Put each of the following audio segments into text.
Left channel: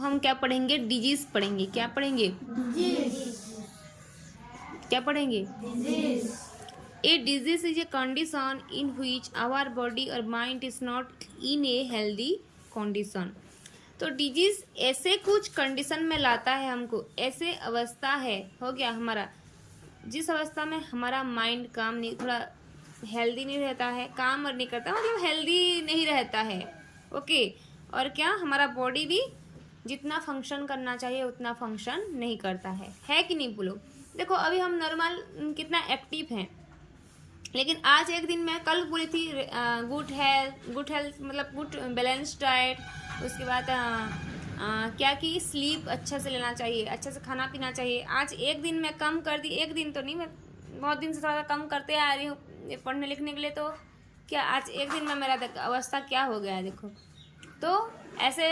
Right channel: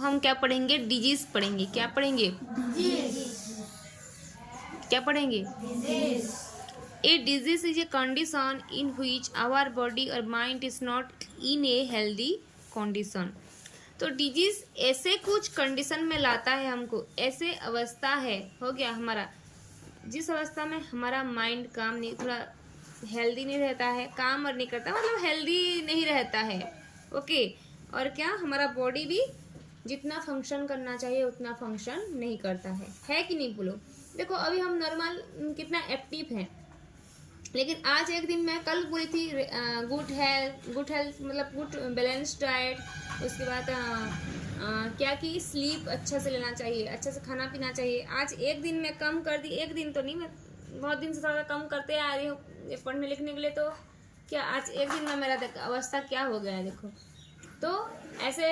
हम क्या पढ़ेंगे? डिजीज पढ़ेंगे। क्या पढ़ेंगे? क्या पढ़ेंगे? A disease is a condition in which our body or mind is not in a healthy condition. तो डिजीज ऐसे कुछ कंडीशन में लाता है हमको, ऐसे अवस्था है, हो गया हमारा, जिस अवस्था में हमारा माइंड काम नहीं, थोड़ा हेल्दी नहीं रहता है, काम और नहीं करता, मतलब हेल्दी नहीं रहता है। ओके, और क्या, हमारा बॉडी भी जितना फंक्शन करना चाहिए उतना फंक्शन नहीं करता है कि नहीं बोलो? देखो अभी हम नॉर्मल कितना एक्टिव हैं, लेकिन आज एक दिन मैं कल बोली थी गुड हेल्थ मतलब गुड बैलेंस डाइट, उसके बाद क्या कि स्लीप अच्छा से लेना चाहिए, अच्छा से खाना पीना चाहिए। आज एक दिन मैं कम कर दी, एक दिन तो नहीं, मैं बहुत दिन से ज़्यादा कम करते आ रही हूँ पढ़ने लिखने के लिए। तो क्या आज एक दिन में मेरा अवस्था क्या हो गया है देखो। तो ऐसे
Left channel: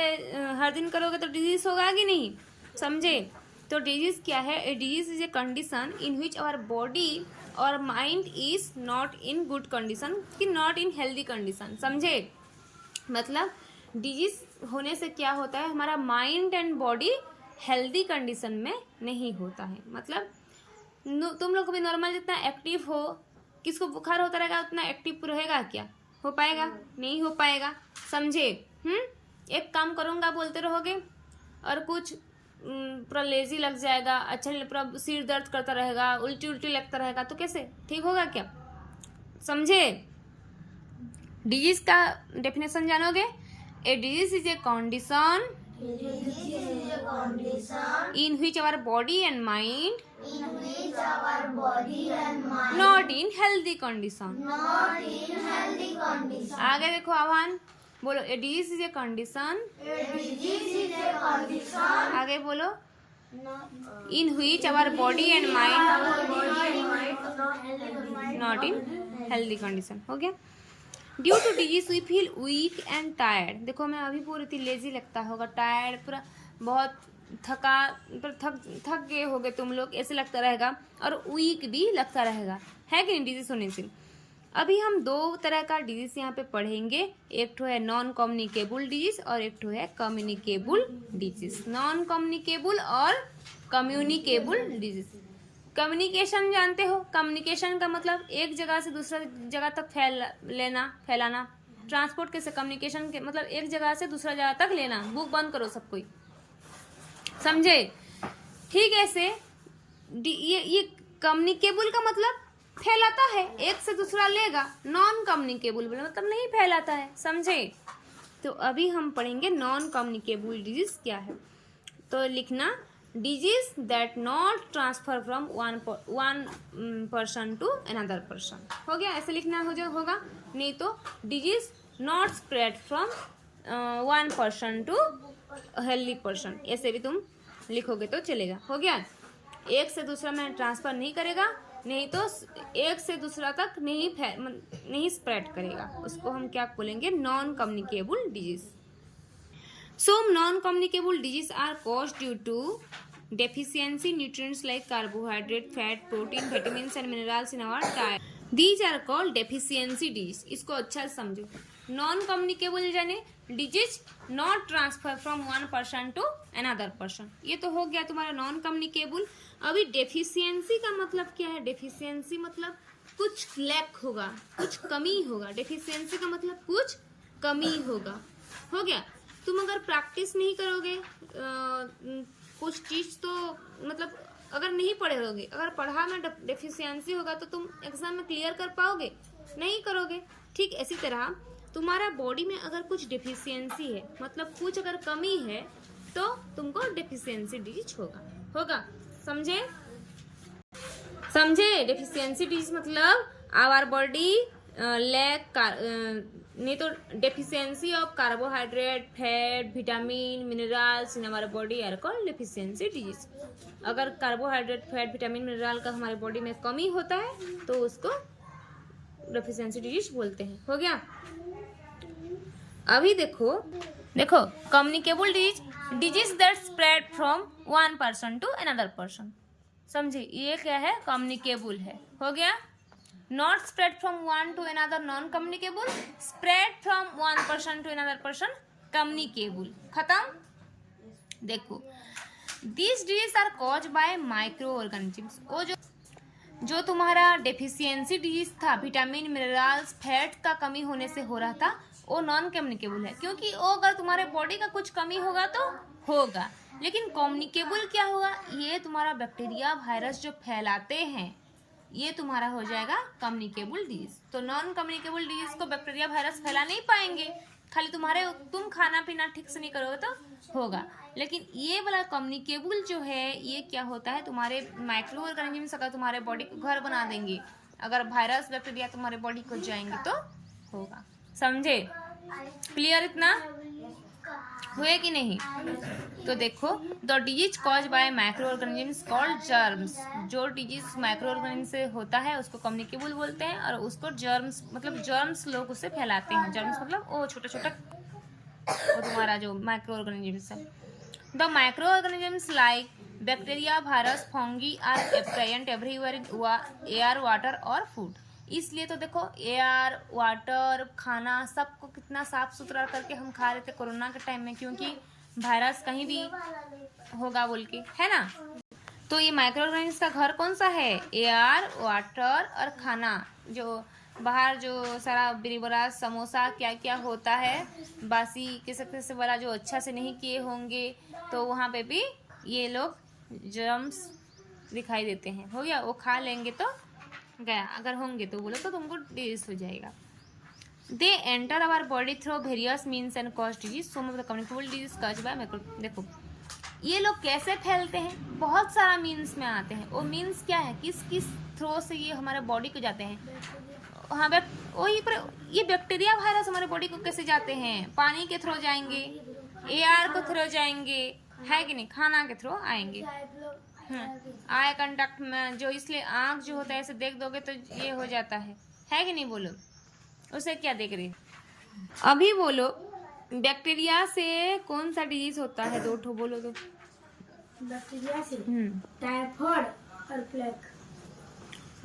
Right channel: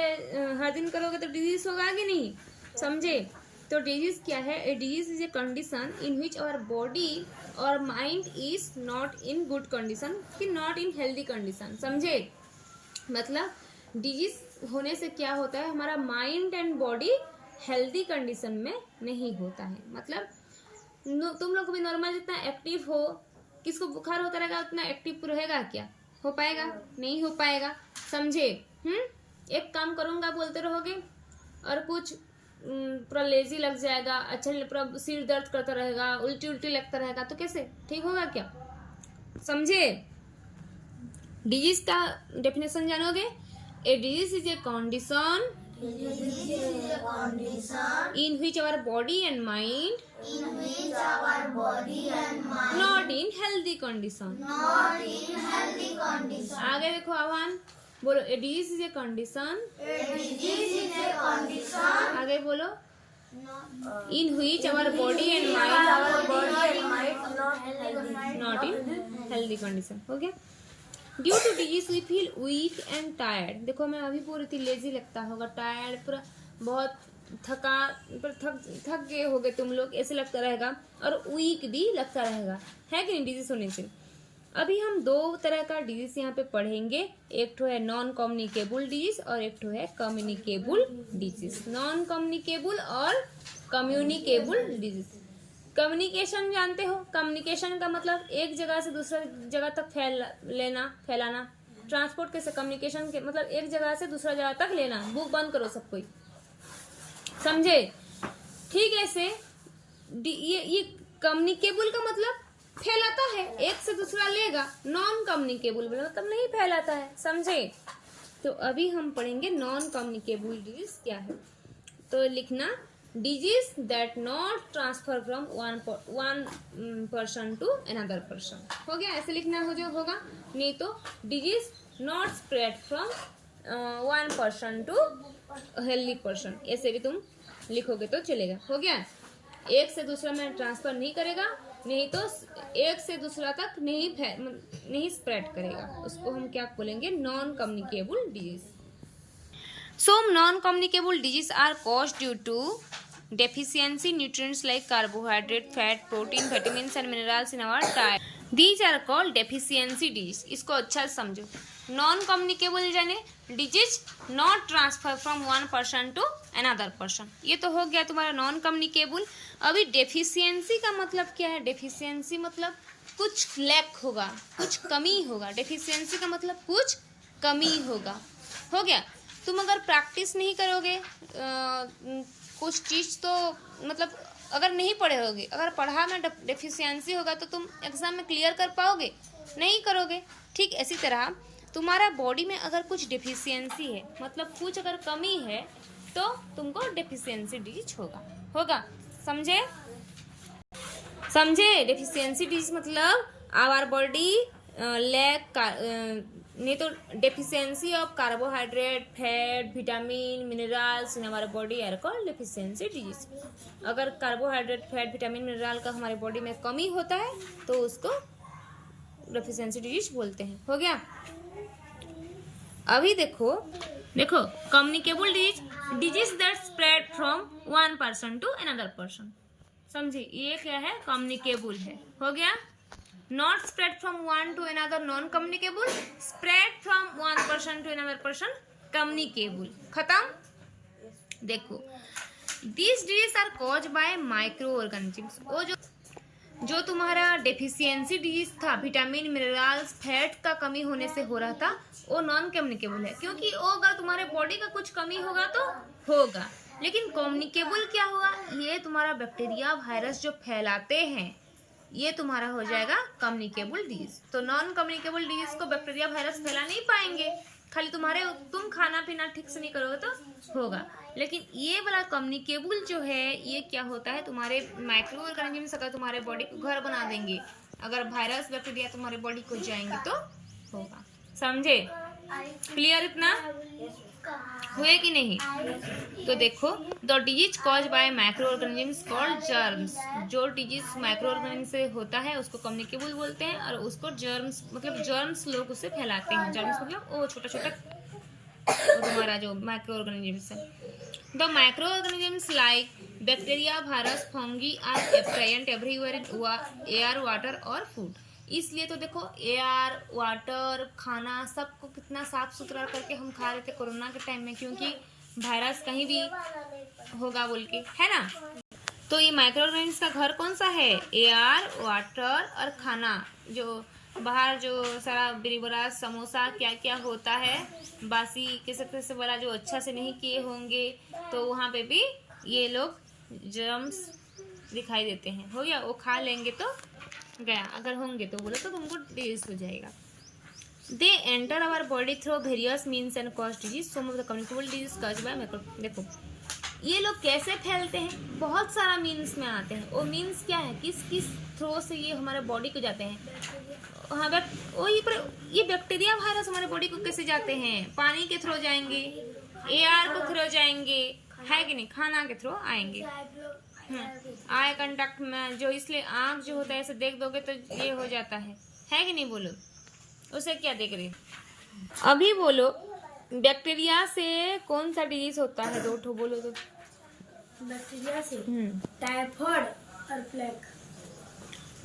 हर दिन करोगे तो डिजीज होगा कि नहीं, समझे? तो डिजीज क्या है? A disease is a condition in which our body or mind is not in good condition, कि नॉट इन हेल्दी कंडीशन, समझे? मतलब डिजीज होने से क्या होता है, हमारा mind and body healthy condition में नहीं होता है। मतलब तुम लोग भी नॉर्मल जितना एक्टिव हो, किसको बुखार होता रहेगा उतना एक्टिव रहेगा क्या? हो पाएगा? नहीं हो पाएगा, समझे? एक काम करूँगा बोलते रहोगे और कुछ पूरा लेजी लग जाएगा, अच्छा पूरा सिर दर्द करता रहेगा, उल्टी उल्टी लगता रहेगा, तो कैसे ठीक होगा क्या? समझे? डिजीज का डेफिनेशन जानोगे? A disease is a condition in which our body and mind not in healthy condition। आगे देखो आह्वान, बोलो ए डिजीज इज ए कंडीशन, आगे बोलो, in which our body and mind not in healthy condition। हो गया? Due to disease we feel weak and tired. देखो मैं अभी पूरी थी, लेजी लगता होगा, टायर्ड, पूरा बहुत थक गए होगे तुम लोग, ऐसे लगता रहेगा, और वीक भी लगता रहेगा, है कि नहीं डिजीज होने से? अभी हम दो तरह का डिजीज यहाँ पे पढ़ेंगे, एक तो है नॉन कम्युनिकेबल डिजीज और एक तो है कम्युनिकेबल डिजीज। नॉन कम्युनिकेबल और कम्युनिकेबल डिजीज। कम्युनिकेशन जानते हो? कम्युनिकेशन का मतलब एक जगह से दूसरा जगह तक फैलाना। ट्रांसपोर्ट कैसे? कम्युनिकेशन के मतलब एक जगह से दूसरा जगह तक लेना। बुक बंद करो सब कोई, समझे? ठीक है, ऐसे ये कम्युनिकेबल का मतलब फैलाता है, एक से दूसरा लेगा। नॉन कम्युनिकेबल मतलब नहीं फैलाता है, समझे? तो अभी हम पढ़ेंगे नॉन कम्युनिकेबल डिजीज क्या है। तो लिखना disease that not transfer from one person to another person. हो गया? ऐसे लिखना होगा, नहीं तो disease not spread from one person to healthy person, ऐसे भी तुम लिखोगे तो चलेगा। हो गया? एक से दूसरा में ट्रांसफर नहीं करेगा, नहीं तो एक से दूसरा तक नहीं स्प्रेड करेगा, उसको हम क्या बोलेंगे? Non communicable disease. Some non-communicable diseases are caused due to deficiency nutrients like carbohydrate, fat, protein, vitamins and minerals in our diet. These are called deficiency disease। इसको अच्छा से समझो। नॉन कम्युनिकेबल जाने disease not transfer from one person to another person, ये तो हो गया तुम्हारा नॉन कम्युनिकेबल। अभी डेफिशिएंसी का मतलब क्या है? डेफिशिएंसी मतलब कुछ लैक होगा, कुछ कमी होगा। डेफिशिएंसी का मतलब कुछ कमी होगा। हो गया? तुम अगर प्रैक्टिस नहीं करोगे कुछ चीज़, तो मतलब अगर नहीं पढ़े होगे, अगर पढ़ा में डेफिशिएंसी होगा तो तुम एग्जाम में क्लियर कर पाओगे? नहीं करोगे। ठीक इसी तरह तुम्हारा बॉडी में अगर कुछ डेफिशिएंसी है, मतलब कुछ अगर कमी है, तो तुमको डेफिशिएंसी डिजीज होगा। समझे? डेफिशिएंसी डिजीज मतलब आवर बॉडी लैक, नहीं तो deficiency of carbohydrate, fat, vitamin, minerals in हमारे body are called deficiency disease. अगर कार्बोहाइड्रेट, फैट, विटामिन, मिनरल का हमारे बॉडी में कमी होता है तो उसको डेफिशिएंसी डिजीज बोलते हैं। हो गया? अभी देखो communicable disease that spread from one person to another person, समझे? ये क्या है? कम्युनिकेबल है। हो गया? Not spread from one to another non communicable, spread from one person to another person communicable. खत्म? देखो this disease are cause by micro organisms. वो जो तुम्हारा डेफिशिएंसी डिजीज था, विटामिन मिनरल्स फैट का कमी होने से हो रहा था, वो नॉन कम्युनिकेबल है, क्योंकि वो अगर तुम्हारे बॉडी का कुछ कमी होगा तो होगा, लेकिन कम्युनिकेबल क्या होगा, ये तुम्हारा बैक्टीरिया वायरस जो फैलाते हैं ये तुम्हारा हो जाएगा कम्युनिकेबल डिजीज। तो नॉन कम्युनिकेबल डिजीज को बैक्टीरिया वायरस फैला नहीं पाएंगे, खाली तुम खाना पीना ठीक से नहीं करोगे तो होगा। लेकिन ये वाला कम्युनिकेबल जो है ये क्या होता है, तुम्हारे माइक्रो ऑर्गेनिजम्स अगर तुम्हारे बॉडी को घर बना देंगे, अगर वायरस बैक्टीरिया तुम्हारे बॉडी को जाएंगे तो होगा। समझे? क्लियर इतना हुए कि नहीं? तो देखो the disease cause by micro organisms called germs. जो डिजीज माइक्रो ऑर्गेनिज्म से होता है उसको कम्युनिकेबल बोलते हैं, और उसको जर्म्स मतलब जर्म्स लोग उससे फैलाते हैं। जर्म्स मतलब वो छोटा छोटा वो तुम्हारा जो माइक्रो ऑर्गेनिजम्स है। The micro organisms like bacteria virus fungi are present everywhere in air water और फूड। इसलिए तो देखो एयर वाटर खाना सबको कितना साफ सुथरा करके हम खा रहे थे कोरोना के टाइम में, क्योंकि वायरस कहीं भी होगा बोल के, है ना। तो ये माइक्रो ऑर्गेनिजम्स का घर कौन सा है? एयर वाटर और खाना। जो बाहर जो सारा बिरीबरा समोसा क्या क्या होता है बासी किसी वाला जो अच्छा से नहीं किए होंगे, तो वहाँ पे भी ये लोग जर्म्स दिखाई देते हैं। हो गया, वो खा लेंगे तो गया, अगर होंगे तो बोलो तो तुमको डिजीज हो जाएगा। They enter our body through various means and cause disease. Some of the communicable disease cause by micro. देखो ये लोग कैसे फैलते हैं, बहुत सारा मीन्स में आते हैं। वो मीन्स क्या है, किस किस थ्रू से ये हमारे बॉडी को जाते हैं। हाँ वही पर ये बैक्टीरिया वायरस हमारे बॉडी को कैसे जाते हैं, पानी के थ्रू जाएंगे, एयर को थ्रू जाएंगे, है कि नहीं, खाना के थ्रू आएंगे। आई कांटेक्ट में जो, इसलिए आंख जो होता है ऐसे देख दोगे तो ये हो जाता है कि नहीं, बोलो उसे क्या देख रहे। अभी बोलो बैक्टीरिया से कौन सा डिजीज होता है, दो ठो बोलो तो। बैक्टीरिया से टाइफाइड और प्लेग।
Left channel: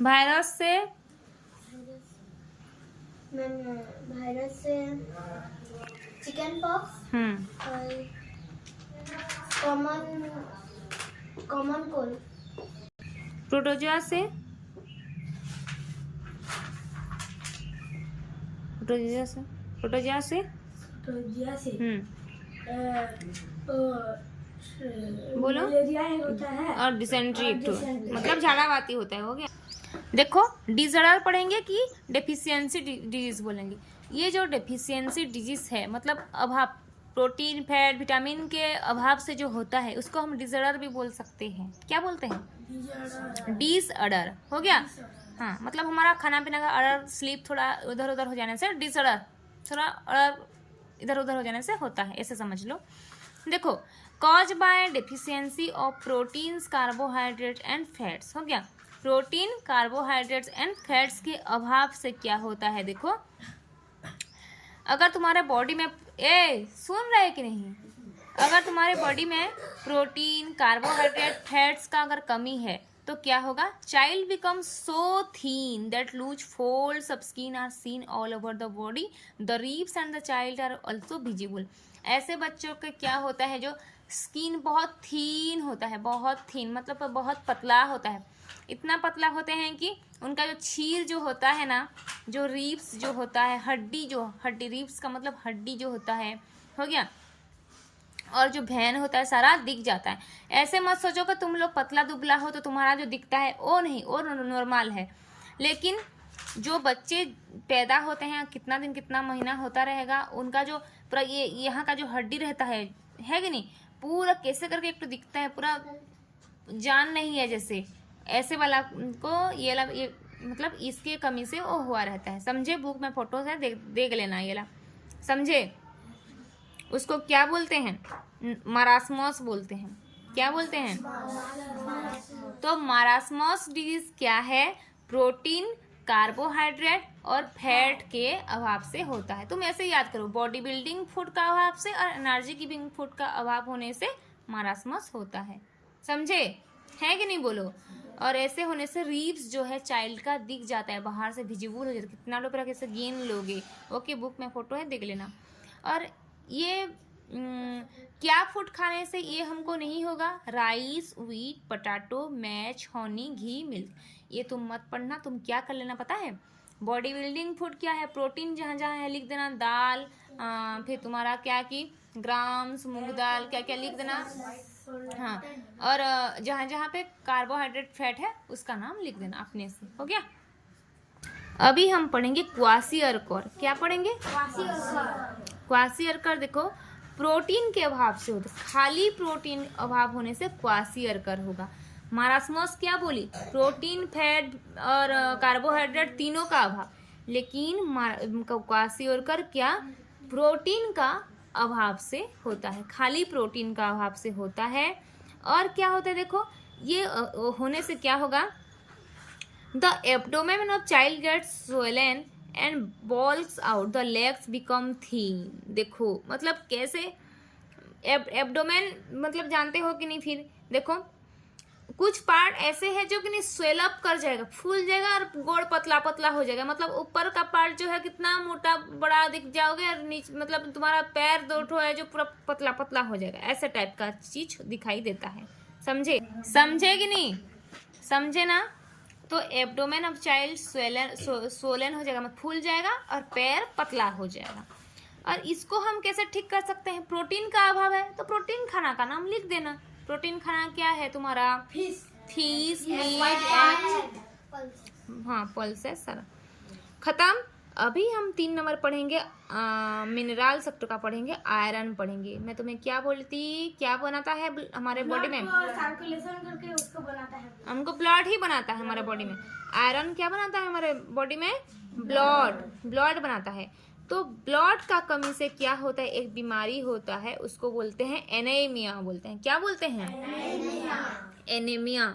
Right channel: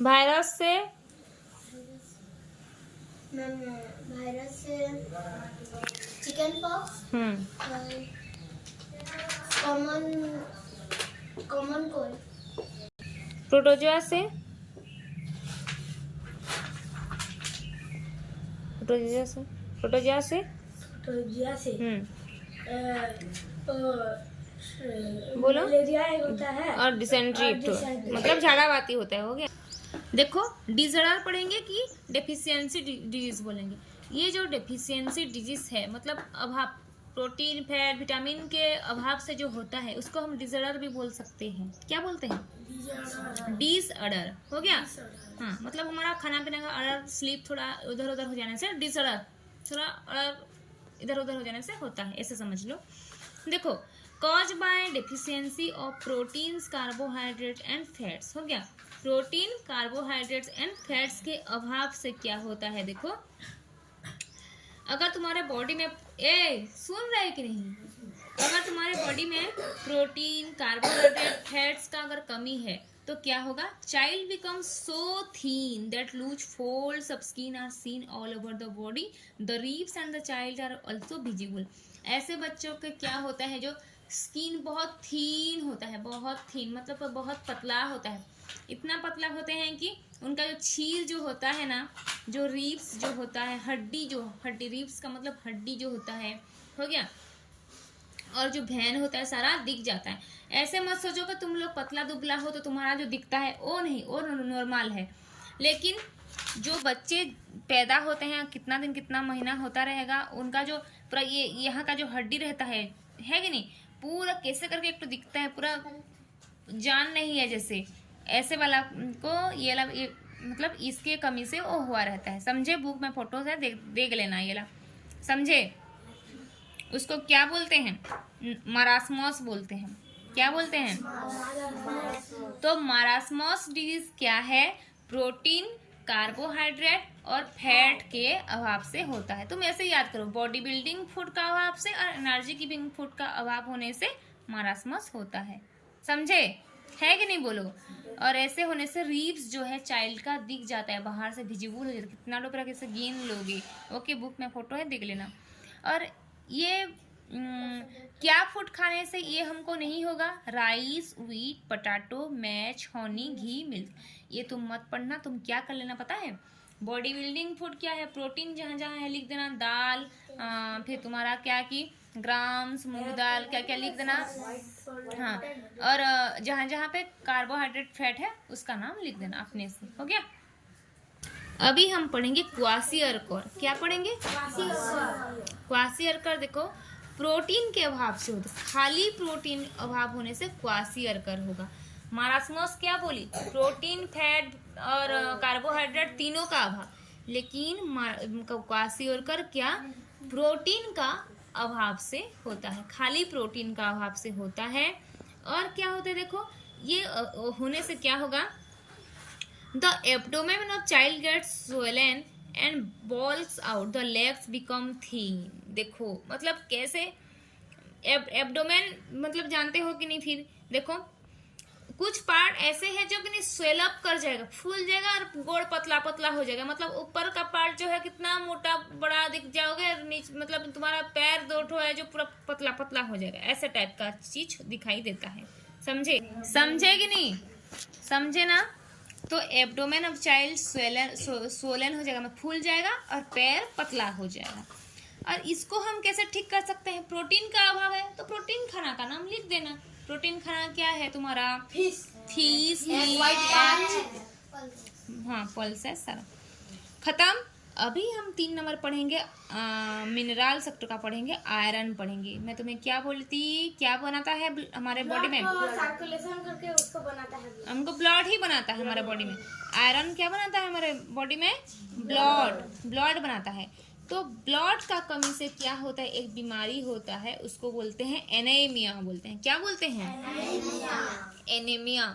वायरस से चिकन पॉक्स और कॉमन कोल्ड। प्रोटोजोआ से बोलो। मलेरिया होता है और डिसेंट्री मतलब झाड़ावाती होता है। हो गया। देखो डिसऑर्डर पढ़ेंगे कि डेफिशिएंसी डिजीज बोलेंगे। ये जो डेफिशिएंसी डिजीज है मतलब अभाव, प्रोटीन फैट विटामिन के अभाव से जो होता है उसको हम डिसऑर्डर भी बोल सकते हैं। क्या बोलते हैं? डिसऑर्डर। हो गया। हाँ मतलब हमारा खाना पीना का ऑर्डर स्लीप थोड़ा उधर उधर हो जाने से डिसऑर्डर, थोड़ा ऑर्डर इधर उधर हो जाने से होता है, ऐसे समझ लो। देखो cause by deficiency of proteins carbohydrate and fats. हो गया। प्रोटीन कार्बोहाइड्रेट्स एंड फैट्स के अभाव से क्या होता है, देखो अगर तुम्हारे बॉडी में सुन रहे कि नहीं, अगर तुम्हारे बॉडी में प्रोटीन कार्बोहाइड्रेट फैट्स का अगर कमी है तो क्या होगा, child becomes so thin that loose folds of skin are seen all over the body, the ribs and the child are also visible. ऐसे बच्चों के क्या होता है, जो स्किन बहुत थीन होता है, बहुत थीन मतलब बहुत पतला होता है, इतना पतला होते हैं कि उनका जो छीर जो होता है ना, जो रिब्स जो होता है, हड्डी रिब्स का मतलब हड्डी जो होता है, हो गया, और जो भेन होता है सारा दिख जाता है। ऐसे मत सोचो कि तुम लोग पतला दुबला हो तो तुम्हारा जो दिखता है वो नहीं, वो नॉर्मल है। लेकिन जो बच्चे पैदा होते हैं, कितना दिन कितना महीना होता रहेगा, उनका जो पूरा ये यहाँ का जो हड्डी रहता है कि नहीं, पूरा कैसे करके एक तो दिखता है, पूरा जान नहीं है जैसे, ऐसे वाला को ये मतलब इसके कमी से वो हुआ रहता है। समझे? बुक में फोटो है, देख लेना ये ला, समझे? उसको क्या बोलते हैं? मारास्मस बोलते हैं। क्या बोलते हैं? तो मारास्मस डिजीज क्या है? प्रोटीन कार्बोहाइड्रेट और फैट के अभाव से होता है। तुम ऐसे याद करो, बॉडी बिल्डिंग फूड का अभाव से और एनर्जी गिविंग फूड का अभाव होने से मारास्मस होता है। समझे? है कि नहीं, बोलो। और ऐसे होने से रिब्स जो है चाइल्ड का दिख जाता है, बाहर से विजिबल हो जाता है। कितना लोग कैसे गिन लोगे, ओके बुक में फोटो है, देख लेना। और ये क्या फूड खाने से ये हमको नहीं होगा? Rice, wheat, potato, maize, honey, ghee, milk. ये तुम मत पढ़ना, तुम क्या कर लेना पता है? बॉडी बिल्डिंग फूड क्या है? प्रोटीन जहाँ जहाँ है लिख देना, दाल, फिर तुम्हारा क्या कि ग्राम्स, मूंग दाल, क्या क्या लिख देना। हाँ, और जहाँ जहाँ पे कार्बोहाइड्रेट फैट है उसका नाम लिख देना अपने से। हो गया? अभी हम पढ़ेंगे क्वासिअरकर। क्या पढ़ेंगे? क्वासिअरकर देखो, प्रोटीन के अभाव से होता है, खाली प्रोटीन अभाव होने से क्वासिअरकर होगा। मारास्मस क्या बोली? प्रोटीन, फैट और कार्बोहाइड्रेट तीनों का अभाव, लेकिन क्वासिअरकर क्या? प्रोटीन का अभाव से होता है, खाली प्रोटीन का अभाव से होता है। और क्या होता है देखो, ये होने से क्या होगा? The abdomen of child gets swollen and bulges out, the legs become thin. देखो मतलब कैसे? एब्डोमेन मतलब जानते हो कि नहीं? फिर देखो कुछ पार्ट ऐसे है जो कि नहीं स्वेल अप कर जाएगा, फूल जाएगा और गोड़ पतला पतला हो जाएगा। मतलब ऊपर का पार्ट जो है कितना मोटा बड़ा दिख जाओगे, और नीचे मतलब तुम्हारा पैर दो ठो है जो पूरा पतला पतला हो जाएगा। ऐसे टाइप का चीज दिखाई देता है। समझे? समझे कि नहीं? समझे ना? तो एब्डोमेन ऑफ चाइल्ड स्वोलन हो जाएगा, मतलब फूल जाएगा और पैर पतला हो जाएगा। और इसको हम कैसे ठीक कर सकते हैं? प्रोटीन का अभाव है तो प्रोटीन खाना का नाम लिख देना। प्रोटीन खाना क्या है तुम्हारा? फिश, मीट, एग, हाँ पल्सेस सर। खत्म। अभी हम 3 नंबर पढ़ेंगे, मिनरल सेक्टर का पढ़ेंगे, आयरन पढ़ेंगे। मैं तुम्हें क्या बोली थी? क्या बनाता है हमारे बॉडी में? सर्कुलेशन करके उसको बनाता है, हमको ब्लड ही बनाता है हमारे बॉडी में। आयरन क्या बनाता है हमारे बॉडी में? ब्लड बनाता है। तो ब्लड का कमी से क्या होता है? एक बीमारी होता है, उसको बोलते हैं एनीमिया बोलते हैं। क्या बोलते हैं? एनीमिया।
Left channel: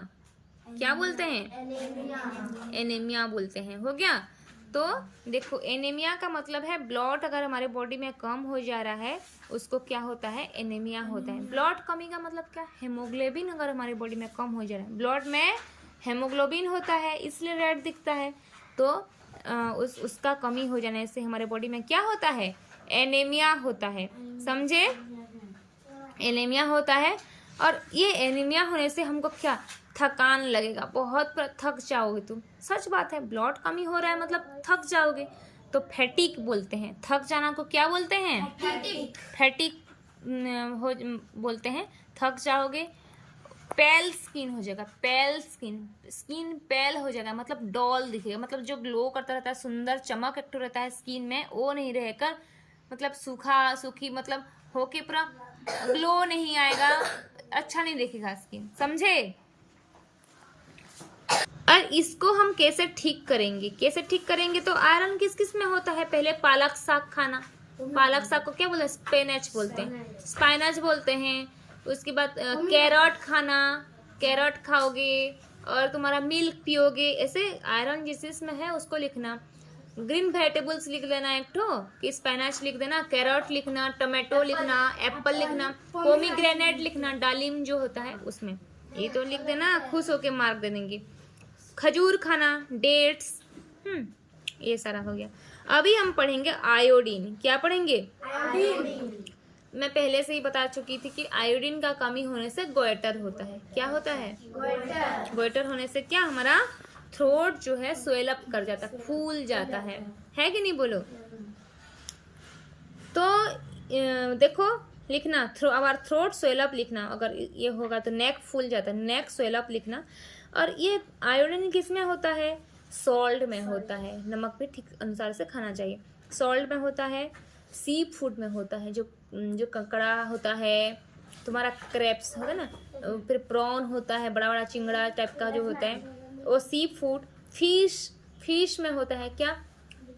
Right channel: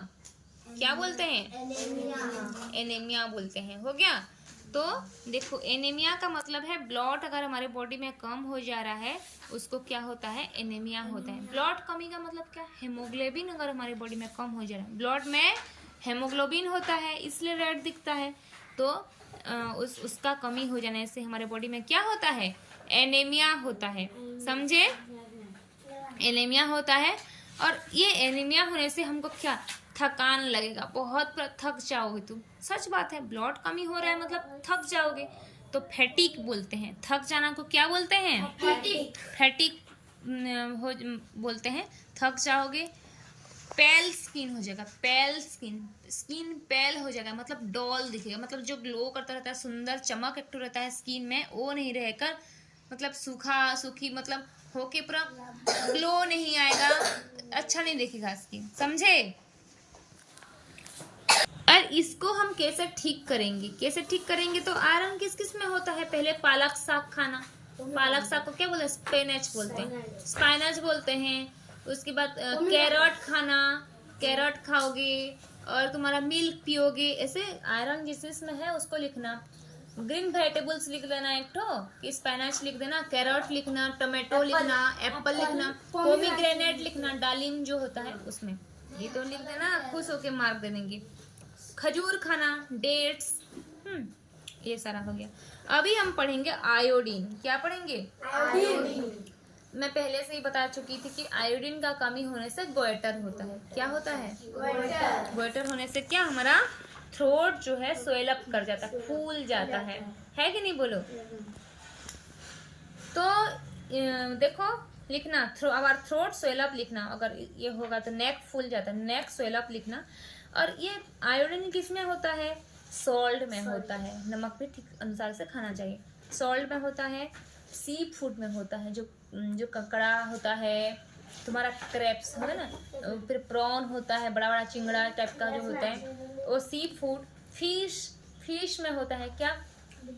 क्या बोलते हैं? एनीमिया बोलते हैं। हो गया? तो देखो एनीमिया का मतलब है ब्लड अगर हमारे बॉडी में कम हो जा रहा है उसको क्या होता है? एनीमिया होता है। ब्लड कमी का मतलब क्या? हेमोग्लोबिन अगर हमारी बॉडी में कम हो जा रहा है, ब्लड में हेमोग्लोबिन होता है इसलिए रेड दिखता है। तो उसका कमी हो जाने से हमारे बॉडी में क्या होता है? एनीमिया होता है। समझे? एनीमिया होता है। और ये एनीमिया होने से हमको क्या? थकान लगेगा, बहुत थक जाओगे तुम। सच बात है, ब्लड कमी हो रहा है मतलब थक जाओगे। तो फैटिक बोलते हैं। थक जाना को क्या बोलते हैं? फैटिक हो बोलते हैं। थक जाओगे। पेल स्किन हो जाएगा, पेल स्किन पेल हो जाएगा, मतलब डॉल दिखेगा, मतलब जो ग्लो करता रहता है, सुंदर चमक एक रहता है स्किन में, वो नहीं रहेगा। मतलब सूखी मतलब होके पूरा ग्लो नहीं आएगा, अच्छा नहीं दिखेगा स्किन। समझे? और इसको हम कैसे ठीक करेंगे? तो आयरन किस किस में होता है? पहले पालक साग खाना। पालक साग को क्या बोलते हैं? स्पिनच बोलते हैं। उसके बाद कैरट खाना, कैरट खाओगे और तुम्हारा मिल्क पियोगे। ऐसे आयरन जिस जिसमें है उसको लिखना। ग्रीन वेजिटेबल्स लिख देना एक ठो, कि स्पिनच लिख देना, कैरट लिखना, टमाटो लिखना, एप्पल लिखना, पोमीग्रेनेट लिखना, दालिम जो होता है उसमें ये तो लिख देना, खुश होके मार्क दे देंगे। खजूर खाना, डेट्स, ये सारा हो गया। अभी हम पढ़ेंगे आयोडीन। क्या पढ़ेंगे? आयोडीन। मैं पहले से ही बता चुकी थी कि आयोडीन का कमी होने से गोइटर होता है। क्या होता है? गोइटर होने से क्या? हमारा थ्रोट जो है स्वेल अप कर जाता है, फूल जाता है कि नहीं? बोलो। तो देखो लिखना, आवर थ्रोट स्वेल अप लिखना। अगर ये होगा तो नेक फूल जाता है, नेक स्वेल अप लिखना। और ये आयोडीन किस में होता है? सॉल्ट में होता है। नमक भी ठीक अनुसार से खाना चाहिए। सॉल्ट में होता है, सी फूड में होता है, जो ककड़ा होता है, तुम्हारा क्रैप्स होता है ना, फिर प्रॉन होता है, बड़ा बड़ा चिंगड़ा टाइप का जो होता है वो सी फूड। फिश में होता है क्या?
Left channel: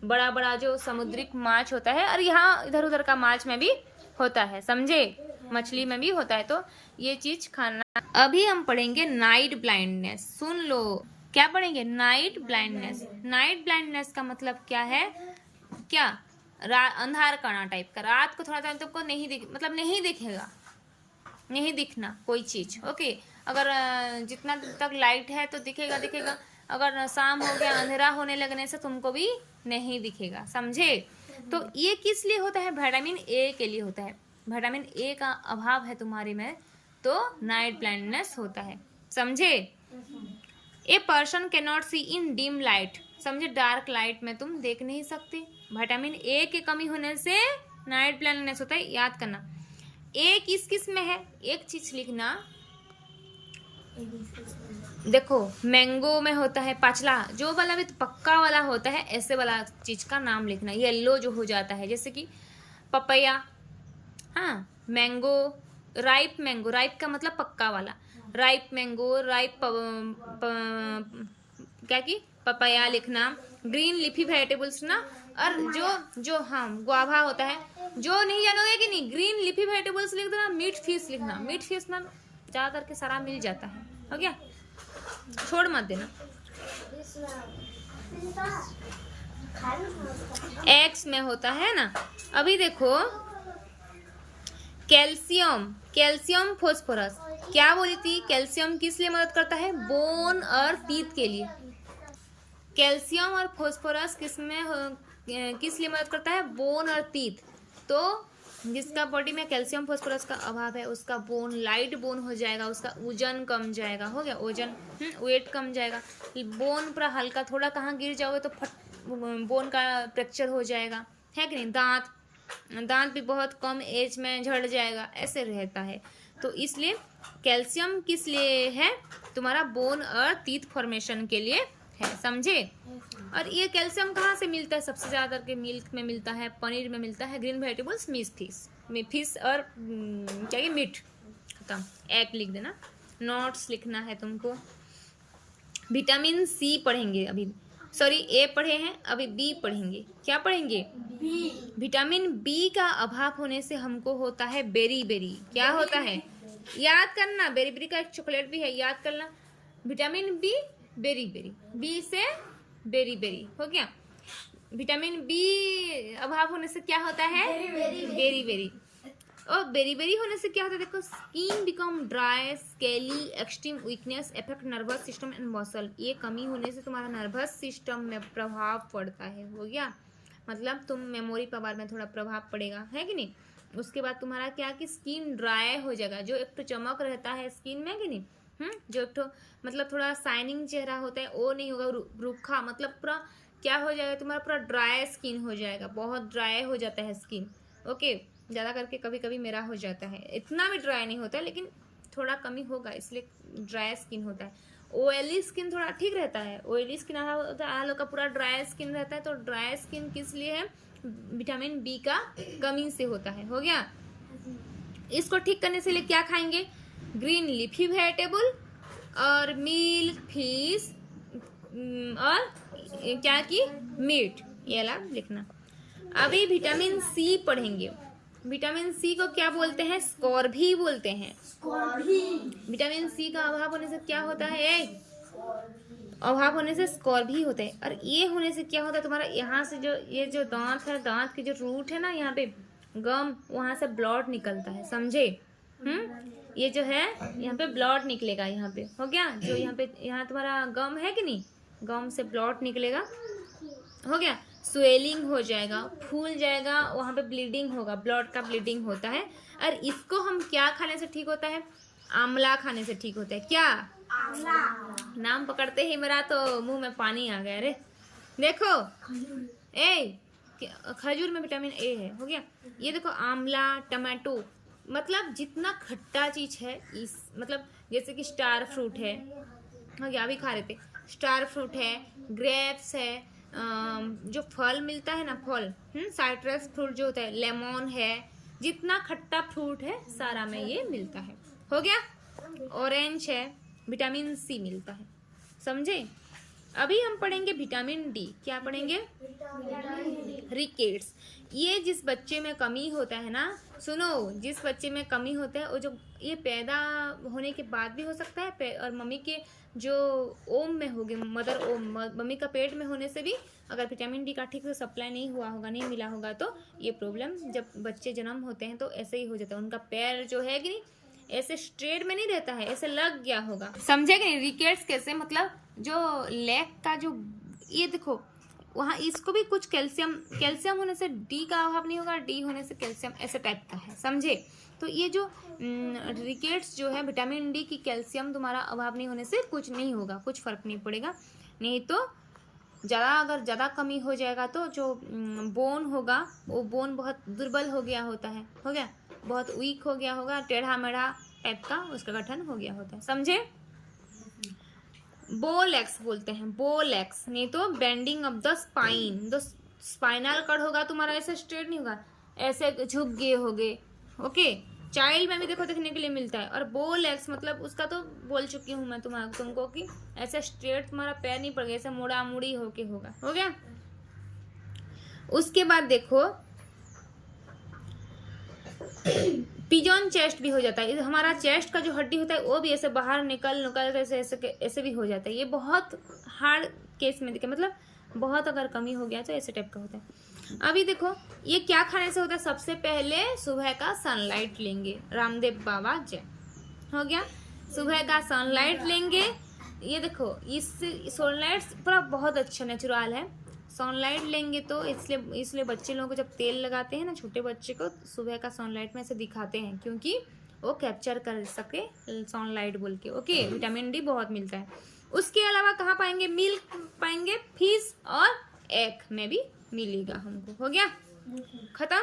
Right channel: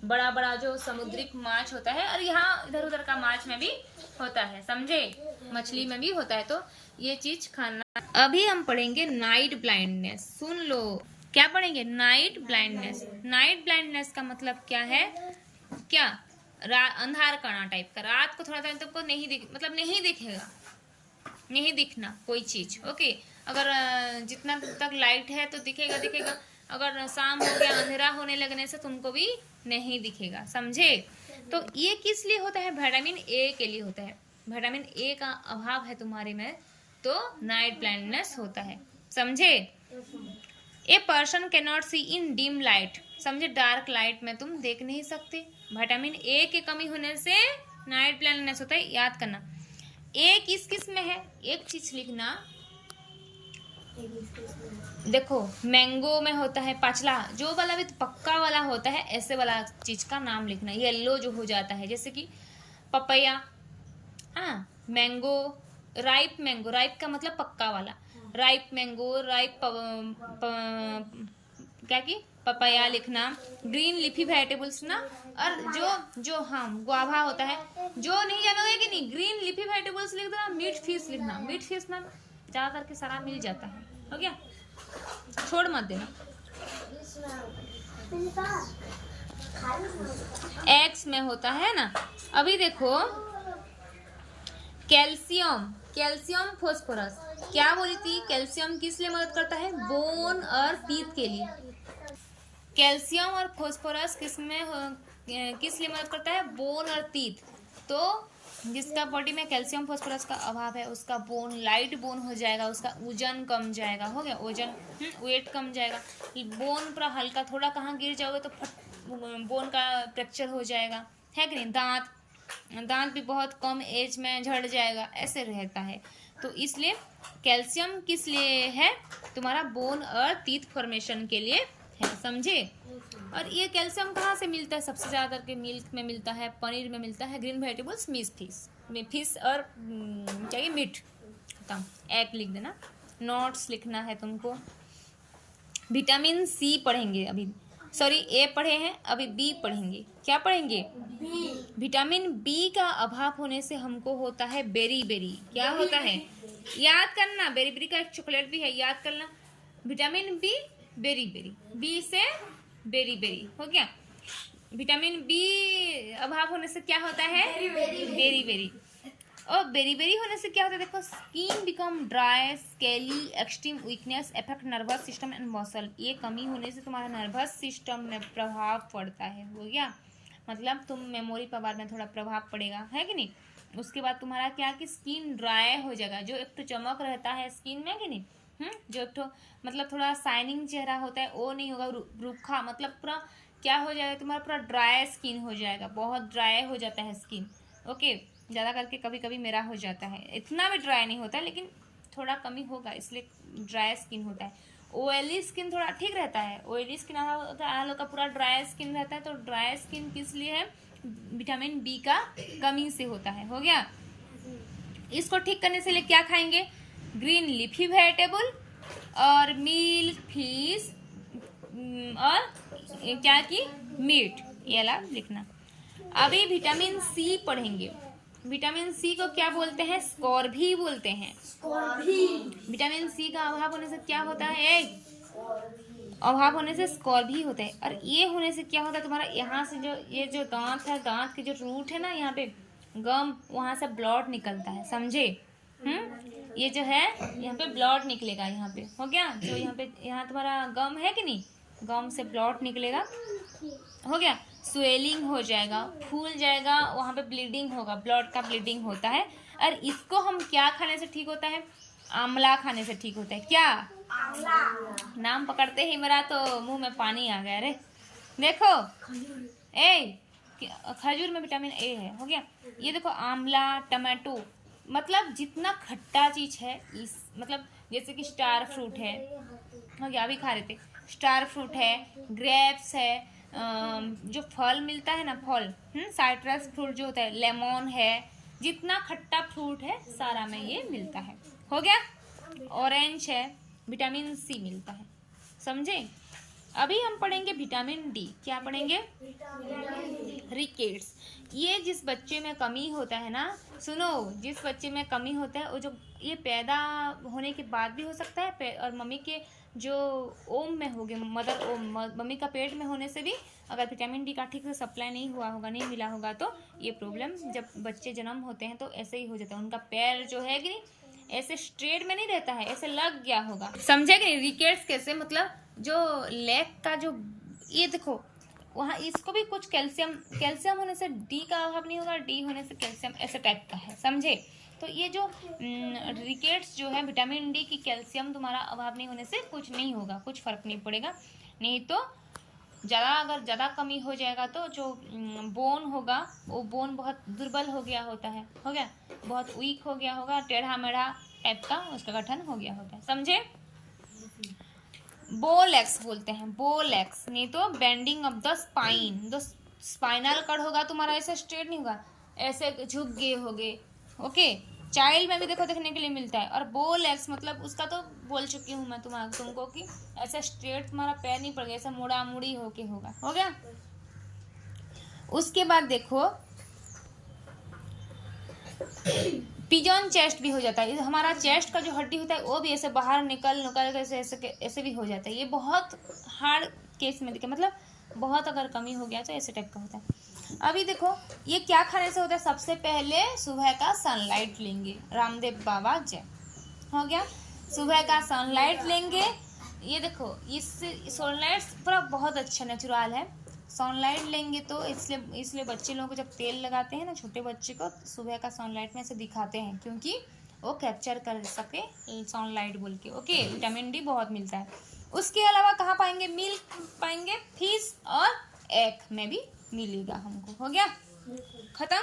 बड़ा बड़ा जो समुद्रिक माछ होता है, और यहाँ इधर उधर का माछ में भी होता है। समझे? मछली में भी होता है। तो ये चीज खाना। अभी हम पढ़ेंगे नाइट ब्लाइंडनेस। सुन लो, क्या पढ़ेंगे? Night blindness. नाइट ब्लाइंडनेस का मतलब क्या है? क्या? अंधार करना टाइप का। रात को थोड़ा टाइम तुमको नहीं दिखेगा, नहीं दिखना कोई चीज। ओके, अगर जितना तक लाइट है तो दिखेगा। अगर शाम हो गया, अंधेरा होने लगने से तुमको भी नहीं दिखेगा। समझे? तो ये किस लिए होता है? विटामिन ए के लिए होता है। विटामिन ए का अभाव है तुम्हारे में तो नाइट ब्लाइंडनेस होता है, समझे। A person can not see in dim light, समझे, डार्क लाइट में तुम देख नहीं सकते। विटामिन ए की कमी होने से नाइट ब्लाइंडनेस होता है, याद करना। ए किस किस में है, एक चीज लिखना, देखो मैंगो में होता है पाचला, जो वाला भी पक्का वाला होता है, ऐसे वाला चीज का नाम लिखना। येलो जो हो जाता है जैसे कि पपैया, हाँ, मैंगो, राइप मैंगो, राइप का मतलब पक्का वाला, राइप मैंगो, राइप क्या की पपैया लिखना। ग्रीन लीफी वेजिटेबल्स ना, और जो हाँ गुआवा होता है, जो नहीं जानोगे कि नहीं, ग्रीन लीफी वेजिटेबल्स लिख देना। मीट फिश लिखना, मीट फिश में ज्यादा करके सारा मिल जाता है, हो गया, छोड़ मत देना। एग्स में होता है ना। अभी देखो कैल्शियम, कैल्शियम फास्फोरस, क्या बोली थी, कैल्शियम किस लिए मदद करता है, बोन और टीथ के लिए। कैल्शियम और फास्फोरस किस लिए मदद करता है, बोन और टीथ। तो जिसका बॉडी में कैल्शियम फास्फोरस का अभाव है उसका बोन लाइट बोन हो जाएगा, उसका वजन कम जाएगा, हो गया, वजन वेट कम जाएगा। बोन पूरा हल्का, थोड़ा कहाँ गिर जाओगे तो बोन का फ्रैक्चर हो जाएगा, है कि नहीं। दांत भी बहुत कम एज में झड़ जाएगा, ऐसे रहता है। तो इसलिए कैल्शियम किस लिए है, तुम्हारा बोन और टीथ फॉर्मेशन के लिए है, समझे। और ये कैल्शियम कहाँ से मिलता है, सबसे ज्यादा करके मिल्क में मिलता है, पनीर में मिलता है, ग्रीन वेजिटेबल्स, फिश और क्या मीट, खत्म। एग लिख देना, नोट्स लिखना है तुमको। विटामिन सी पढ़ेंगे अभी, सॉरी ए पढ़े हैं, अभी बी पढ़ेंगे। क्या पढ़ेंगे, बी। विटामिन बी का अभाव होने से हमको होता है बेरी बेरी, क्या होता है, याद करना, बेरी बेरी का एक चॉकलेट भी है, याद करना। Vitamin B, beriberi, B से बेरी बेरी, हो गया। विटामिन बी अभाव होने से क्या होता है, बेरी बेरी। और बेरी बेरी होने से क्या होता है, देखो, skin become dry, scaly, extreme weakness, effect nervous system and muscle. ये कमी होने से तुम्हारा नर्वस सिस्टम में प्रभाव पड़ता है, हो गया, मतलब तुम मेमोरी पावर में थोड़ा प्रभाव पड़ेगा, है कि नहीं। उसके बाद तुम्हारा क्या कि स्किन ड्राई हो जाएगा, जो एक तो चमक रहता है स्किन में कि नहीं, जो एक तो मतलब थोड़ा शाइनिंग चेहरा होता है वो नहीं होगा, रूखा, मतलब पूरा क्या हो जाएगा, तुम्हारा पूरा ड्राई स्किन हो जाएगा, बहुत ड्राई हो जाता है स्किन, ओके। ज़्यादा करके कभी कभी मेरा हो जाता है, इतना भी ड्राई नहीं होता है लेकिन थोड़ा कमी होगा, इसलिए ड्राई स्किन होता है। ऑयली स्किन थोड़ा ठीक रहता है, ऑयली स्किन आधा का पूरा ड्राई स्किन रहता है। तो ड्राई स्किन किस लिए है, विटामिन बी का कमी से होता है, हो गया। इसको ठीक करने से लिए क्या खाएंगे, ग्रीन लीफी वेजिटेबल और मिल्क, फिश और क्या की मीट, ये वाला लिखना। अभी विटामिन सी पढ़ेंगे। विटामिन सी को क्या बोलते हैं, स्कॉर्बी बोलते हैं। विटामिन सी का अभाव होने से क्या होता है, अभाव होने से स्कॉर्बी होता है। और ये होने से क्या होता है, तुम्हारा यहाँ से जो ये जो दांत है, दांत के जो रूट है ना, यहाँ पे गम, वहां से ब्लड निकलता है, समझे। ये जो है यहाँ पे ब्लड निकलेगा, यहाँ पे, हो गया, जो यहाँ पे यहाँ तुम्हारा गम है कि नहीं, गम से ब्लड निकलेगा, हो गया। स्वेलिंग हो जाएगा, फूल जाएगा, वहाँ पे ब्लीडिंग होगा, ब्लड का ब्लीडिंग होता है। और इसको हम क्या खाने से ठीक होता है, आंवला खाने से ठीक होता है। क्या, आंवला। नाम पकड़ते ही मेरा तो मुंह में पानी आ गया रे। देखो खजूर में विटामिन ए है, हो गया। ये देखो आंवला, टमाटो, मतलब जितना खट्टा चीज है, इस मतलब जैसे कि स्टार फ्रूट है, हो गया, अभी खा रहे थे, स्टार फ्रूट है, ग्रेप्स है, जो फल मिलता है ना, फल, साइट्रस फ्रूट जो होता है, लेमन है, जितना खट्टा फ्रूट है सारा में ये मिलता है, हो गया। ऑरेंज है, विटामिन सी मिलता है, समझे। अभी हम पढ़ेंगे विटामिन डी। क्या पढ़ेंगे, रिकेट्स। ये जिस बच्चे में कमी होता है ना, सुनो, जिस बच्चे में कमी होता है वो जो ये पैदा होने के बाद भी हो सकता है, और मम्मी के जो ओम में होगे, मदर ओम, मम्मी का पेट में होने से भी अगर विटामिन डी का ठीक से सप्लाई नहीं हुआ होगा, नहीं मिला होगा, तो ये प्रॉब्लम जब बच्चे जन्म होते हैं तो ऐसे ही हो जाता है। उनका पैर जो है कि नहीं, ऐसे स्ट्रेट में नहीं रहता है, ऐसे लग गया होगा, समझे कि नहीं। रिकेट्स कैसे, मतलब जो लेग का जो, ये देखो वहाँ इसको भी कुछ कैल्शियम होने से डी का अभाव नहीं होगा, डी होने से कैल्शियम, ऐसे टाइप का है, समझे। तो ये जो रिकेट्स जो है विटामिन डी की कैल्शियम तुम्हारा अभाव नहीं होने से कुछ नहीं होगा, कुछ फर्क नहीं पड़ेगा। नहीं तो अगर ज़्यादा कमी हो जाएगा तो जो बोन होगा वो बोन बहुत दुर्बल हो गया होता है, हो गया बहुत वीक हो गया होगा, टेढ़ा मेढ़ा टाइप का उसका गठन हो गया होता है, समझे। बोलेक्स बोलते हैं, बोलेक्स। नहीं तो bending of the spine, the spinal cord होगा तुम्हारा ऐसे स्ट्रेट नहीं होगा, ऐसे झुक गए होगे, ओके। चाइल्ड में भी देखो देखने के लिए मिलता है। और बोलेक्स मतलब उसका तो बोल चुकी हूँ मैं तुमको कि ऐसे स्ट्रेट तुम्हारा पैर नहीं पड़ गया, ऐसे मुड़ा मुड़ी होके होगा, हो गया। उसके बाद देखो पिजन चेस्ट भी हो जाता है, हमारा चेस्ट का जो हड्डी होता है वो भी ऐसे बाहर निकल ऐसे ऐसे भी हो जाता है। ये बहुत हार्ड केस में देखे, मतलब बहुत अगर कमी हो गया तो ऐसे टाइप का होता है। अभी देखो ये क्या खाने से होता है, सबसे पहले सुबह का सनलाइट लेंगे, रामदेव बाबा जय, हो गया। सुबह का सनलाइट लेंगे, ये देखो इस सनलाइट पूरा बहुत अच्छा नेचुरल है। सनलाइट लेंगे तो इसलिए बच्चे लोगों को जब तेल लगाते हैं ना, छोटे बच्चे को सुबह का सनलाइट में से दिखाते हैं, क्योंकि वो कैप्चर कर सके सनलाइट बोल के, ओके। विटामिन डी बहुत मिलता है। उसके अलावा कहाँ पाएंगे, मिल्क पाएंगे, फिश और एग में भी मिलेगा हमको, हो गया, खत्म।